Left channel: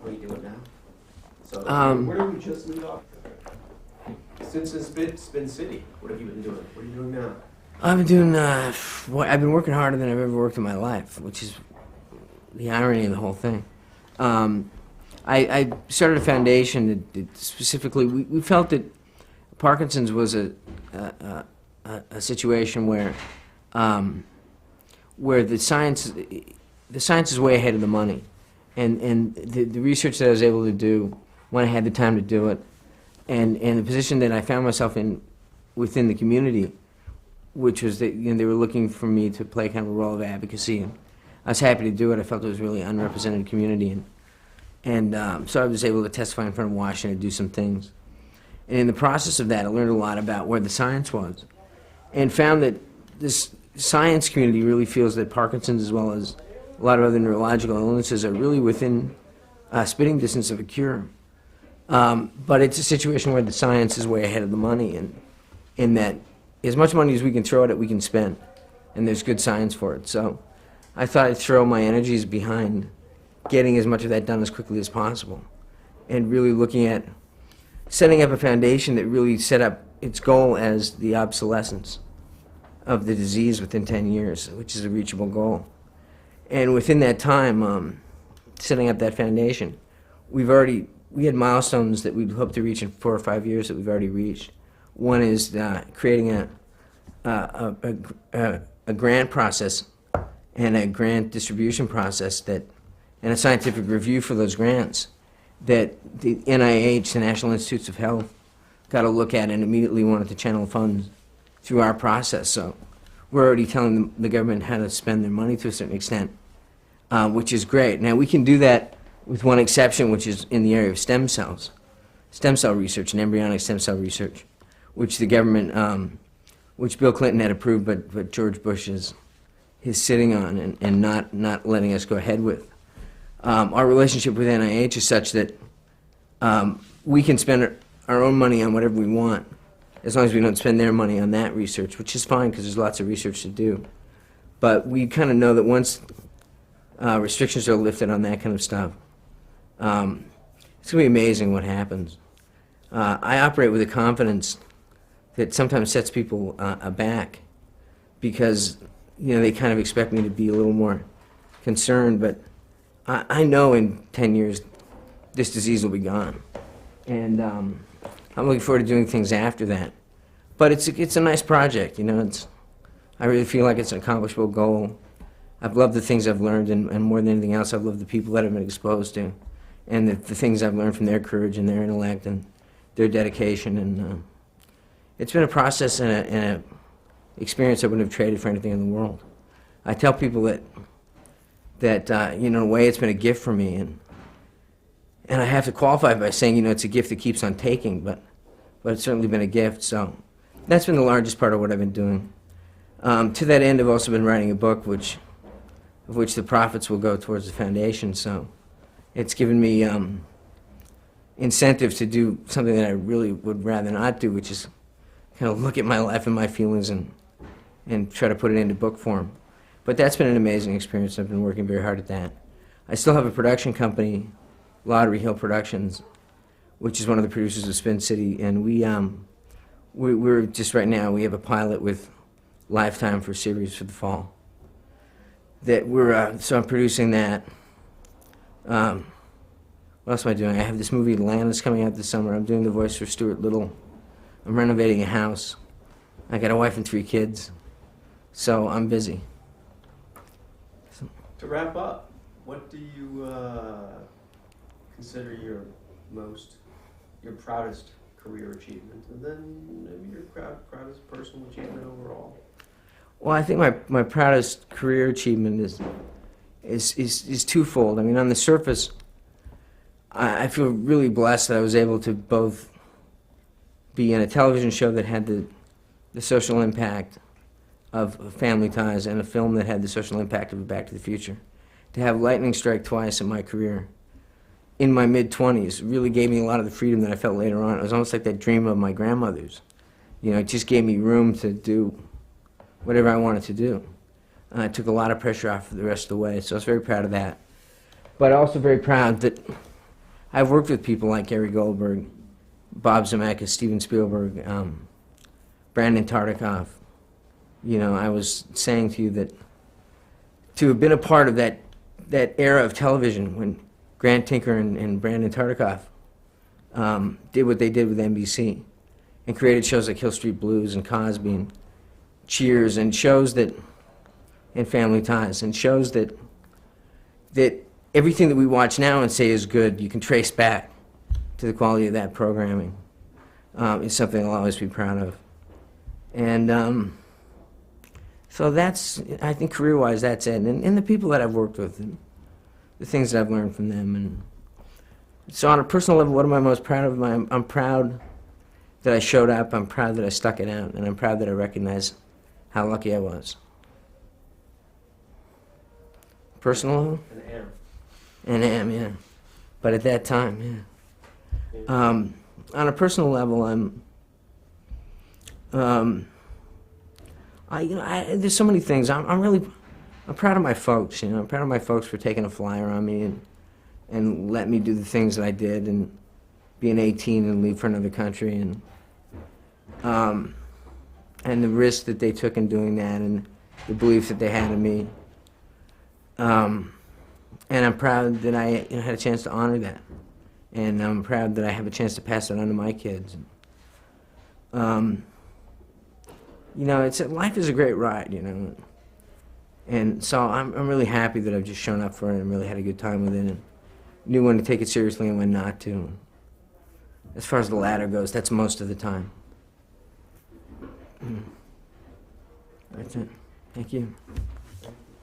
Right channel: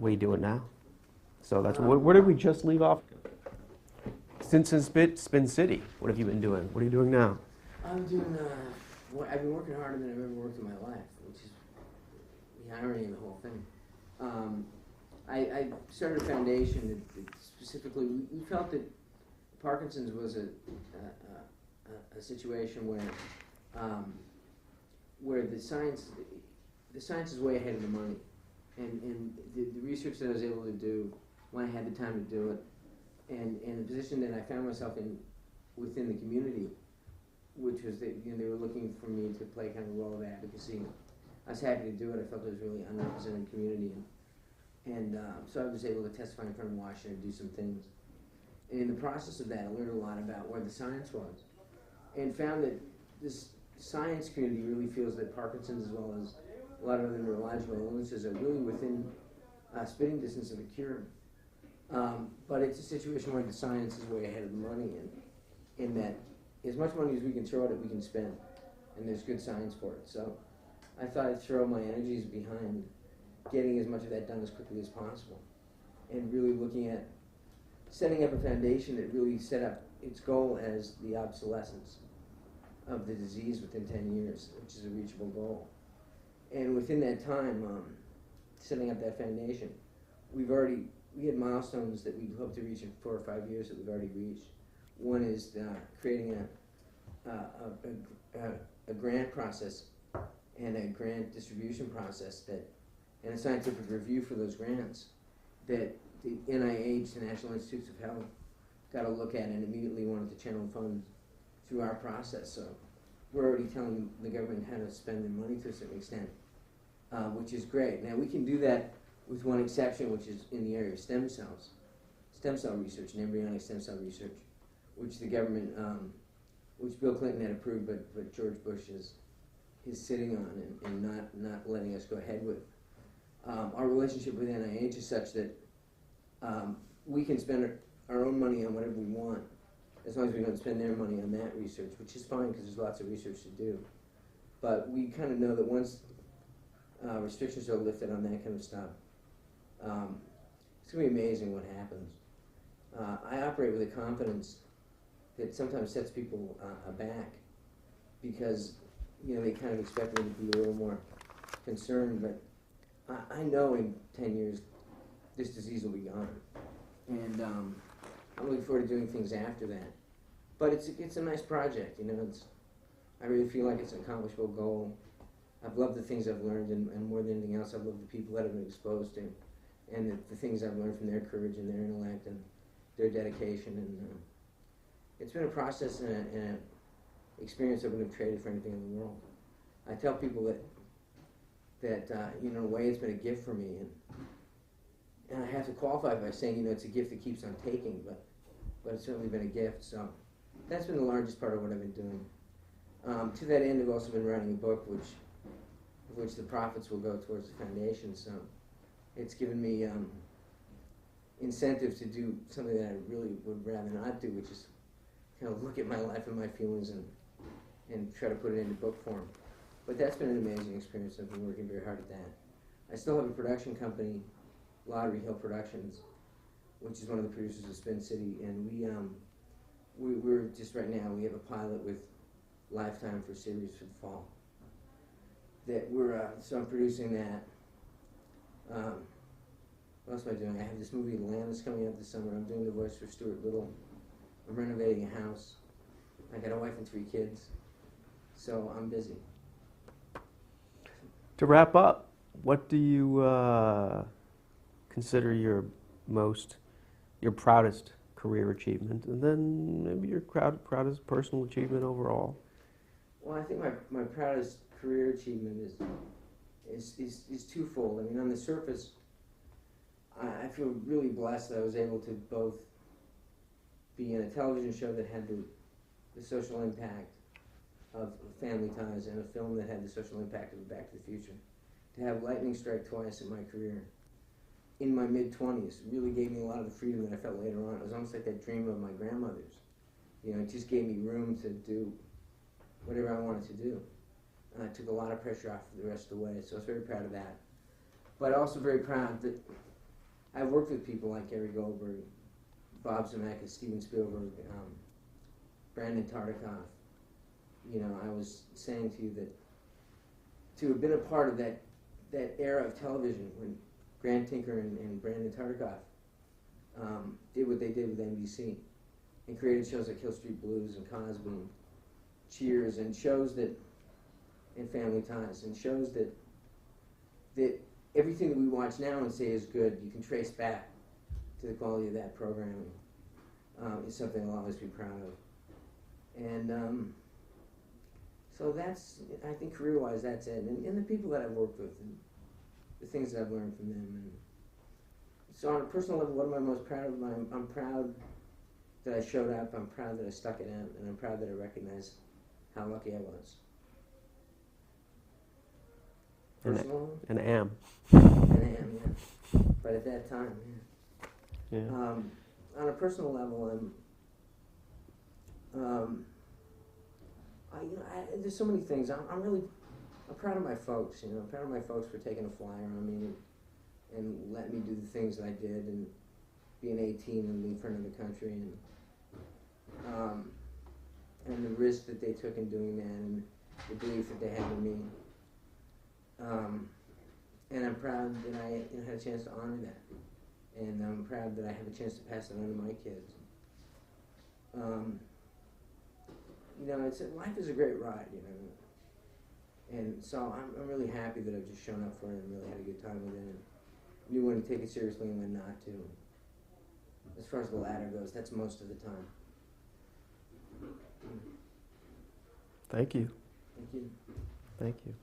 What are you doing now? So Um, where did we just leave off? Since Spin City, what have you been doing? What are you doing now? I've been doing, I've been working harder than I've ever worked in my life, which is the irony of the whole thing. I started a foundation that specifically, we felt that Parkinson's was a situation where the science is way ahead of the money. And the research that I was able to do when I had the time to do it, and the position that I found myself in within the community, which was that they were looking for me to play kind of a role of advocacy. And I was happy to do it. I felt it was a really unrepresented community. And so I was able to testify in front of Washington and do some things. And in the process of that, I learned a lot about where the science was and found that this science community really feels that Parkinson's, as well as a lot of other neurological illnesses, are really within spitting distance of a cure. But it's a situation where the science is way ahead of the money, and in that as much money as we can throw at it, we can spend, and there's good science for it. So I thought I'd throw my energies behind getting as much of that done as quickly as possible, and really looking at setting up a foundation that really set up its goal as the obsolescence of the disease within 10 years, which is a reachable goal. And within that time, setting up that foundation, we had milestones that we'd hope to reach in 4 or 5 years that we've already reached. One is creating a grant process and a grant distribution process and a scientific review for those grants that the NIH, the National Institutes of Health, got a look at and immediately wanted to channel funds through our process. So we're already telling the government how to spend their money to a certain extent, which is great. Now, we can do that with one exception, which is in the area of stem cells, stem cell research and embryonic stem cell research, which the government, which Bill Clinton had approved, but George Bush is sitting on and not letting us go ahead with. Our relationship with NIH is such that we can spend our own money on whatever we want, as long as we don't spend their money on that research, which is fine because there's lots of research to do. But we kind of know that once restrictions are lifted on that kind of stuff, it's going to be amazing what happens. I operate with a confidence that sometimes sets people aback because they kind of expect me to be a little more concerned, but I know in 10 years this disease will be gone. And I'm looking forward to doing things after that. But it's a nice project, I really feel like it's an accomplishable goal. I've loved the things I've learned, and more than anything else, I've loved the people that I've been exposed to, and the things I've learned from their courage and their intellect and their dedication. And it's been a process and a experience I wouldn't have traded for anything in the world. I tell people that in a way, it's been a gift for me, and I have to qualify by saying, it's a gift that keeps on taking, but it's certainly been a gift. So that's been the largest part of what I've been doing. To that end, I've also been writing a book, of which the profits will go towards the foundation. So it's given me incentive to do something that I really would rather not do, which is kind of look at my life and my feelings and try to put it into book form. But that's been an amazing experience. I've been working very hard at that. I still have a production company, Lottery Hill Productions, which is one of the producers of Spin City, and we're just right now, we have a pilot with Lifetime for a series for the fall. So I'm producing that. What else am I doing? I have this movie, Atlantis, coming out this summer. I'm doing the voice for Stuart Little. I'm renovating a house. I got a wife and 3 kids, so I'm busy. To wrap up, what do you consider your proudest career achievement, and then maybe your proudest personal achievement overall? Well, I think my proudest career achievement is twofold. I mean, on the surface, I feel really blessed that I was able to both be in a television show that had the social impact of Family Ties and a film that had the social impact of Back to the Future. To have lightning strike twice in my career in my mid-20s really gave me a lot of the freedom that I felt later on. It was almost like that dream of my grandmother's. It just gave me room to do whatever I wanted to do. It took a lot of pressure off for the rest of the way, so I was very proud of that. But also very proud that I've worked with people like Gary Goldberg, Bob Zemeckis, Steven Spielberg, Brandon Tartikoff. You know, I was saying to you that to have been a part of that era of television when Grant Tinker and Brandon Tartikoff did what they did with NBC and created shows like Hill Street Blues and Cosby and Cheers and shows that, and Family Ties, and shows that everything that we watch now and say is good, you can trace back to the quality of that programming. Is something I'll always be proud of. And so that's, I think career-wise, that's it. And the people that I've worked with, and the things that I've learned from them. And so on a personal level, what am I most proud of? I'm proud that I showed up, I'm proud that I stuck it out, and I'm proud that I recognize how lucky I was. Personal level? And am. And am, yeah. But at that time, yeah. Yeah. On a personal level, there's so many things. I'm proud of my folks. You know, I'm proud of my folks for taking a flyer on me and let me do the things that I did and being 18 and leave for another country and the risk that they took in doing that and the belief that they had in me. And I'm proud that I had a chance to honor that. And I'm proud that I have a chance to pass it on to my kids. You know, life is a great ride, you know. And so I'm really happy that I've just shown up for it and really had a good time with it and knew when to take it seriously and when not to. As far as the latter goes, that's most of the time. Thank you. Thank you. Thank you.